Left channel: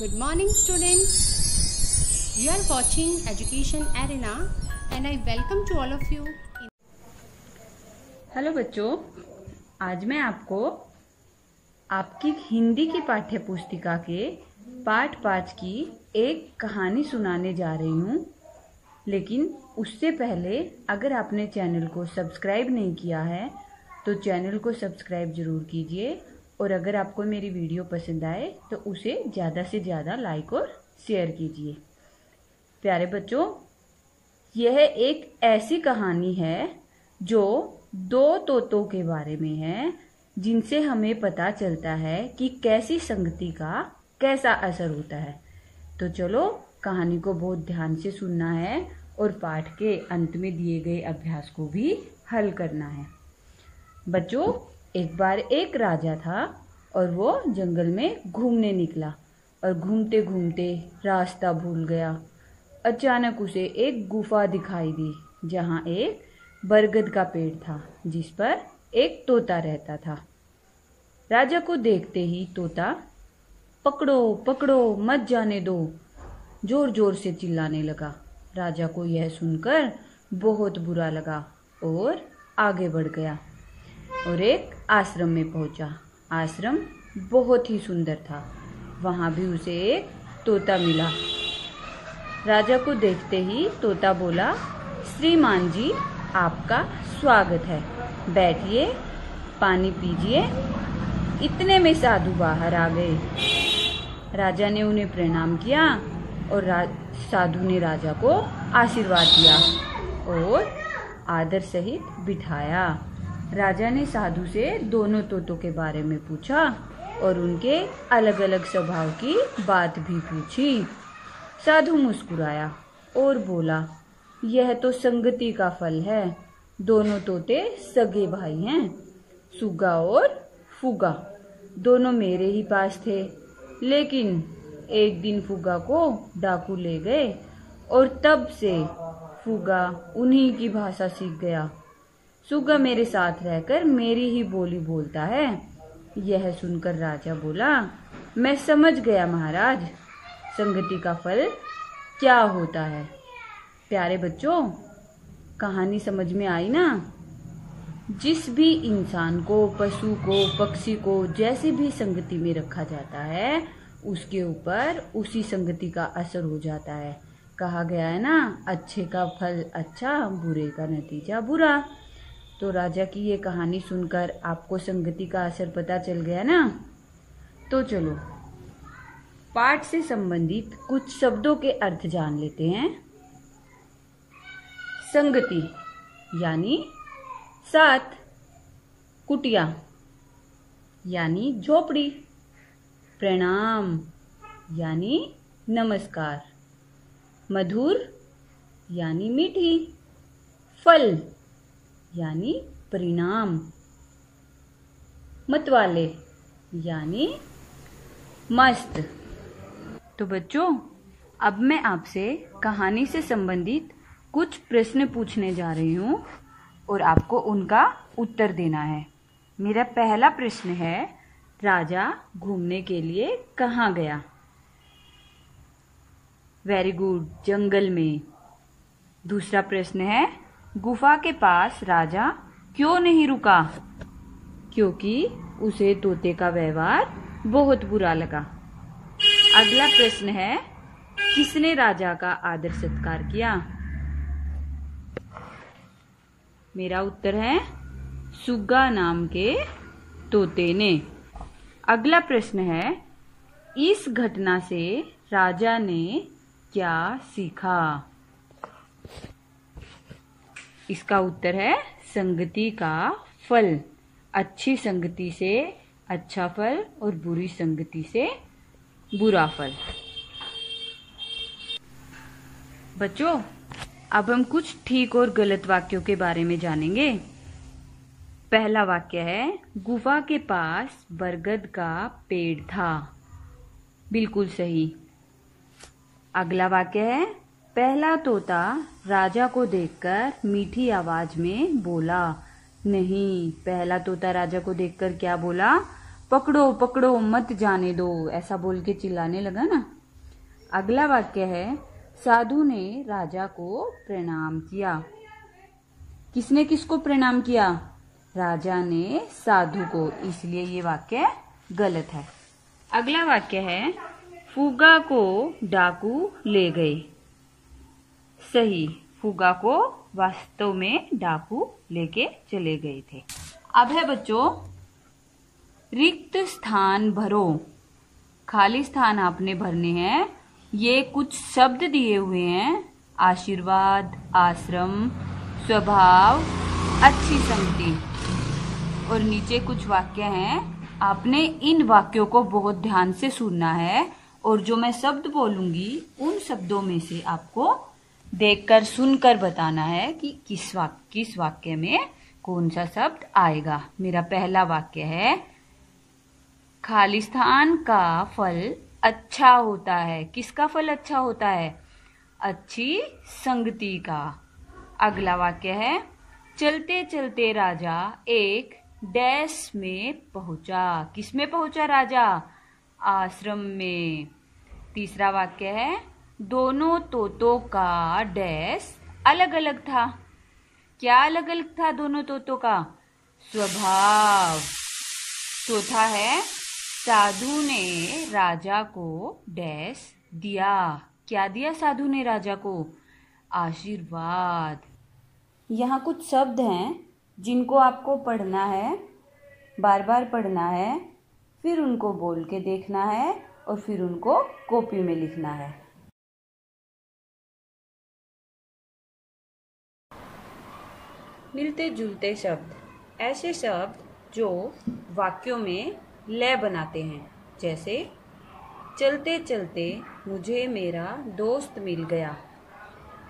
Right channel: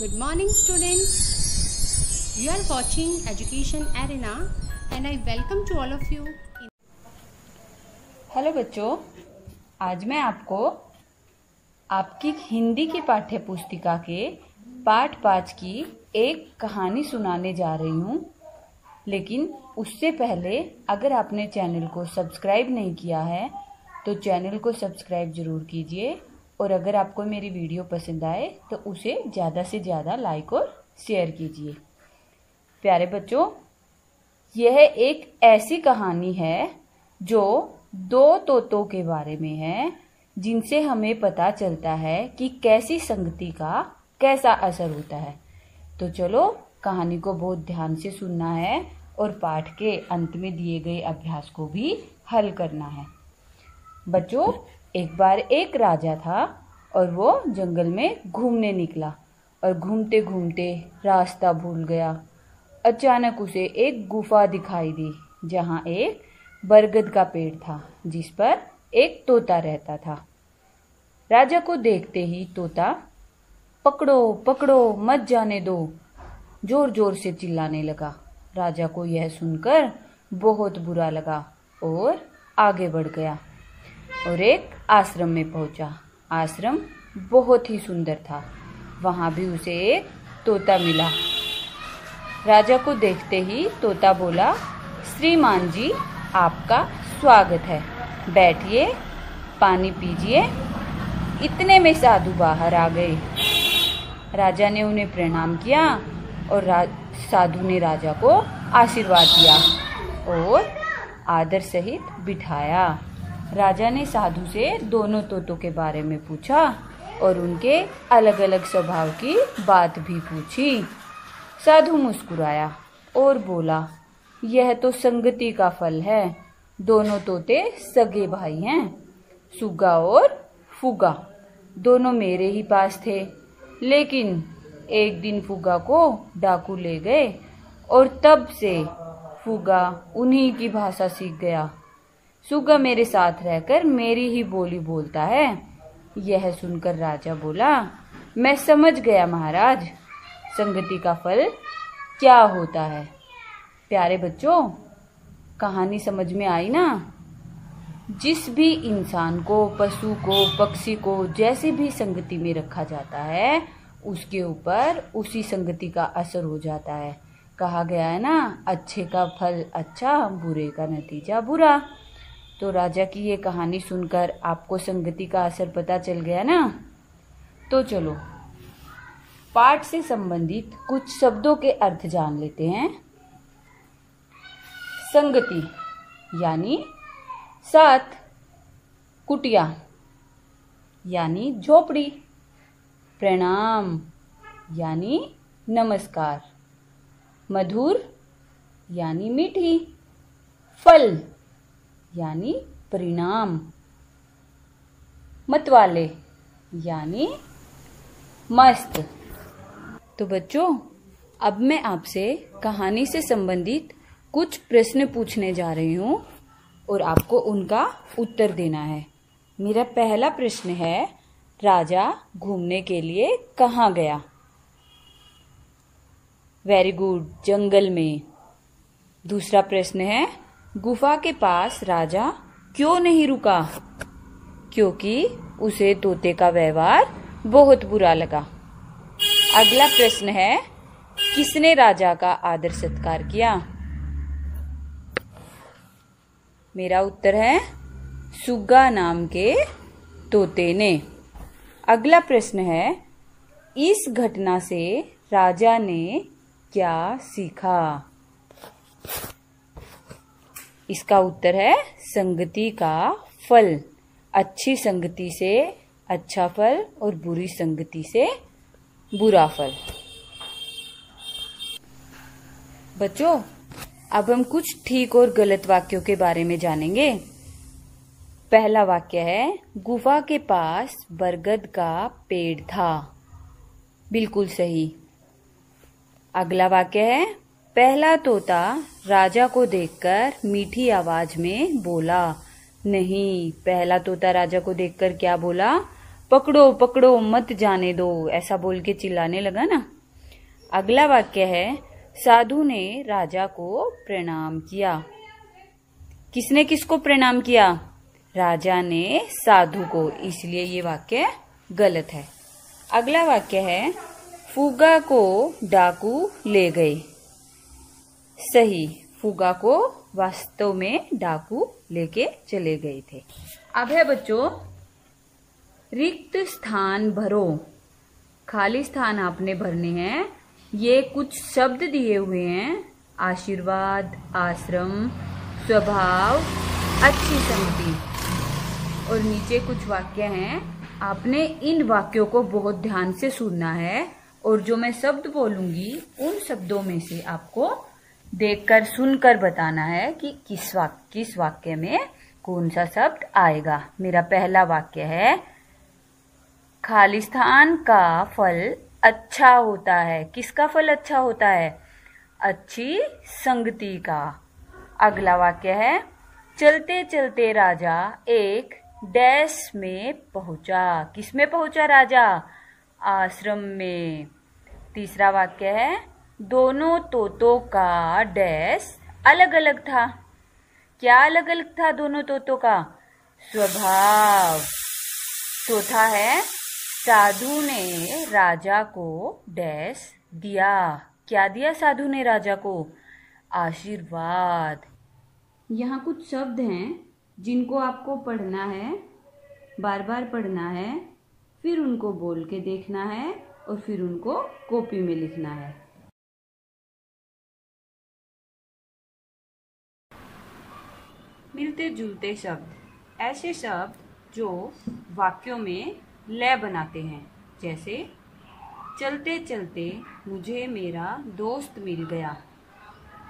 Good morning students. You are watching Education Arena and I welcome to all of you. Hello बच्चों, आज मैं आपको आपकी हिंदी की पाठ्य पुस्तिका के पाठ 5 की एक कहानी सुनाने जा रही हूँ। लेकिन उससे पहले अगर आपने चैनल को सब्सक्राइब नहीं किया है तो चैनल को सब्सक्राइब ज़रूर कीजिए और अगर आपको मेरी वीडियो पसंद आए तो उसे ज़्यादा से ज़्यादा लाइक और शेयर कीजिए। प्यारे बच्चों, यह एक ऐसी कहानी है जो दो तोतों के बारे में है जिनसे हमें पता चलता है कि कैसी संगति का कैसा असर होता है। तो चलो कहानी को बहुत ध्यान से सुनना है और पाठ के अंत में दिए गए अभ्यास को भी हल करना है। बच्चों, एक बार एक राजा था और वो जंगल में घूमने निकला और घूमते घूमते रास्ता भूल गया। अचानक उसे एक गुफा दिखाई दी जहाँ एक बरगद का पेड़ था जिस पर एक तोता रहता था। राजा को देखते ही तोता पकड़ो पकड़ो मत जाने दो जोर जोर से चिल्लाने लगा। राजा को यह सुनकर बहुत बुरा लगा और आगे बढ़ गया और एक आश्रम में पहुंचा। आश्रम बहुत ही सुंदर था। वहां भी उसे एक तोता मिला। राजा को देखते ही तोता बोला, श्रीमान जी, आपका स्वागत है, बैठिए, पानी पीजिए। इतने में साधु बाहर आ गए। राजा ने उन्हें प्रणाम किया और साधु ने राजा को आशीर्वाद दिया और आदर सहित बिठाया। राजा ने साधु से दोनों तोतों के बारे में पूछा और उनके अलग अलग स्वभाव की बात भी पूछी। साधु मुस्कुराया और बोला, यह तो संगति का फल है। दोनों तोते सगे भाई हैं। सुग्गा और फुग्गा दोनों मेरे ही पास थे, लेकिन एक दिन फुग्गा को डाकू ले गए और तब से फुग्गा उन्हीं की भाषा सीख गया। सुग्गा मेरे साथ रहकर मेरी ही बोली बोलता है। यह सुनकर राजा बोला, मैं समझ गया महाराज, संगति का फल क्या होता है। प्यारे बच्चों, कहानी समझ में आई ना? जिस भी इंसान को, पशु को, पक्षी को जैसे भी संगति में रखा जाता है उसके ऊपर उसी संगति का असर हो जाता है। कहा गया है ना, अच्छे का फल अच्छा, बुरे का नतीजा बुरा। तो राजा की ये कहानी सुनकर आपको संगति का असर पता चल गया ना? तो चलो पाठ से संबंधित कुछ शब्दों के अर्थ जान लेते हैं। संगति यानी साथ, कुटिया यानी झोपड़ी, प्रणाम यानी नमस्कार, मधुर यानी मीठी, फल यानी परिणाम, मतवाले यानी मस्त। तो बच्चों, अब मैं आपसे कहानी से संबंधित कुछ प्रश्न पूछने जा रही हूँ और आपको उनका उत्तर देना है। मेरा पहला प्रश्न है, राजा घूमने के लिए कहाँ गया? वेरी गुड, जंगल में। दूसरा प्रश्न है, गुफा के पास राजा क्यों नहीं रुका? क्योंकि उसे तोते का व्यवहार बहुत बुरा लगा। अगला प्रश्न है, किसने राजा का आदर सत्कार किया? मेरा उत्तर है सुग्गा नाम के तोते ने। अगला प्रश्न है, इस घटना से राजा ने क्या सीखा? इसका उत्तर है संगति का फल। अच्छी संगति से अच्छा फल और बुरी संगति से बुरा फल। बच्चों, अब हम कुछ ठीक और गलत वाक्यों के बारे में जानेंगे। पहला वाक्य है, गुफा के पास बरगद का पेड़ था। बिल्कुल सही। अगला वाक्य है, पहला तोता राजा को देखकर मीठी आवाज में बोला। नहीं, पहला तोता राजा को देखकर क्या बोला? पकड़ो पकड़ो मत जाने दो, ऐसा बोल के चिल्लाने लगा ना। अगला वाक्य है, साधु ने राजा को प्रणाम किया। किसने किसको प्रणाम किया? राजा ने साधु को, इसलिए ये वाक्य गलत है। अगला वाक्य है, फूगा को डाकू ले गए। सही, फूगा को वास्तव में डाकू लेके चले गए थे। अब है बच्चों, रिक्त स्थान भरो। खाली स्थान आपने भरने हैं। ये कुछ शब्द दिए हुए हैं, आशीर्वाद, आश्रम, स्वभाव, अच्छी संगति, और नीचे कुछ वाक्य हैं। आपने इन वाक्यों को बहुत ध्यान से सुनना है और जो मैं शब्द बोलूंगी उन शब्दों में से आपको देखकर सुनकर बताना है कि किस वाक्य में कौन सा शब्द आएगा। मेरा पहला वाक्य है, खालिस्तान का फल अच्छा होता है। किसका फल अच्छा होता है? अच्छी संगति का। अगला वाक्य है, चलते चलते राजा एक डैश में पहुंचा। किस में पहुंचा राजा? आश्रम में। तीसरा वाक्य है, दोनों तोतों का डैश अलग अलग था। क्या अलग अलग था दोनों तोतों का? स्वभाव। चौथा है, साधु ने राजा को डैश दिया। क्या दिया साधु ने राजा को? आशीर्वाद। यहाँ कुछ शब्द हैं जिनको आपको पढ़ना है, बार बार पढ़ना है, फिर उनको बोल के देखना है और फिर उनको कॉपी में लिखना है। मिलते जुलते शब्द, ऐसे शब्द जो वाक्यों में लय बनाते हैं। जैसे चलते चलते मुझे मेरा दोस्त मिल गया।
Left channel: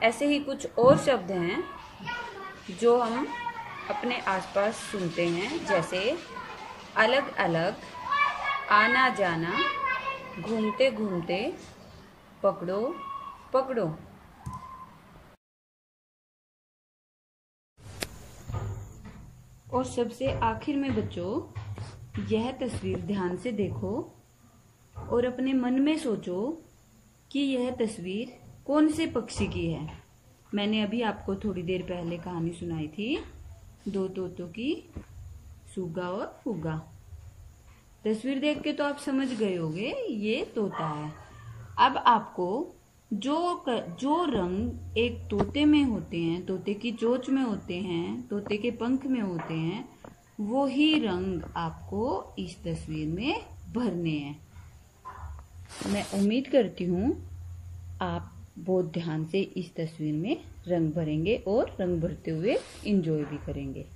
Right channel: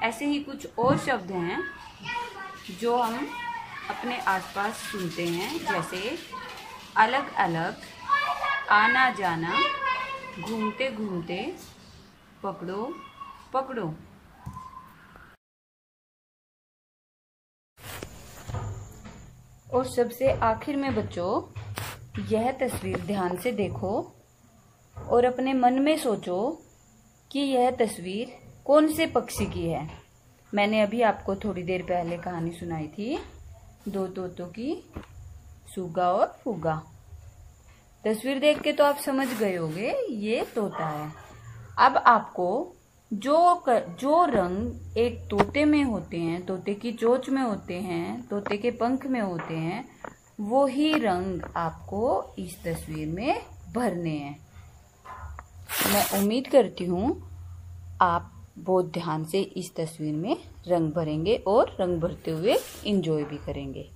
ऐसे ही कुछ और शब्द हैं जो हम अपने आसपास सुनते हैं, जैसे अलग अलग, आना जाना, घूमते घूमते, पकड़ो पकड़ो। और सबसे आखिर में बच्चों, यह तस्वीर ध्यान से देखो और अपने मन में सोचो कि यह तस्वीर कौन से पक्षी की है। मैंने अभी आपको थोड़ी देर पहले कहानी सुनाई थी, दो तोतों की, सूगा और फूगा। तस्वीर देख के तो आप समझ गए होंगे ये तोता है। अब आपको जो रंग एक तोते में होते हैं, तोते की चोंच में होते हैं, तोते के पंख में होते हैं, वो ही रंग आपको इस तस्वीर में भरने हैं। मैं उम्मीद करती हूँ आप बहुत ध्यान से इस तस्वीर में रंग भरेंगे और रंग भरते हुए एंजॉय भी करेंगे।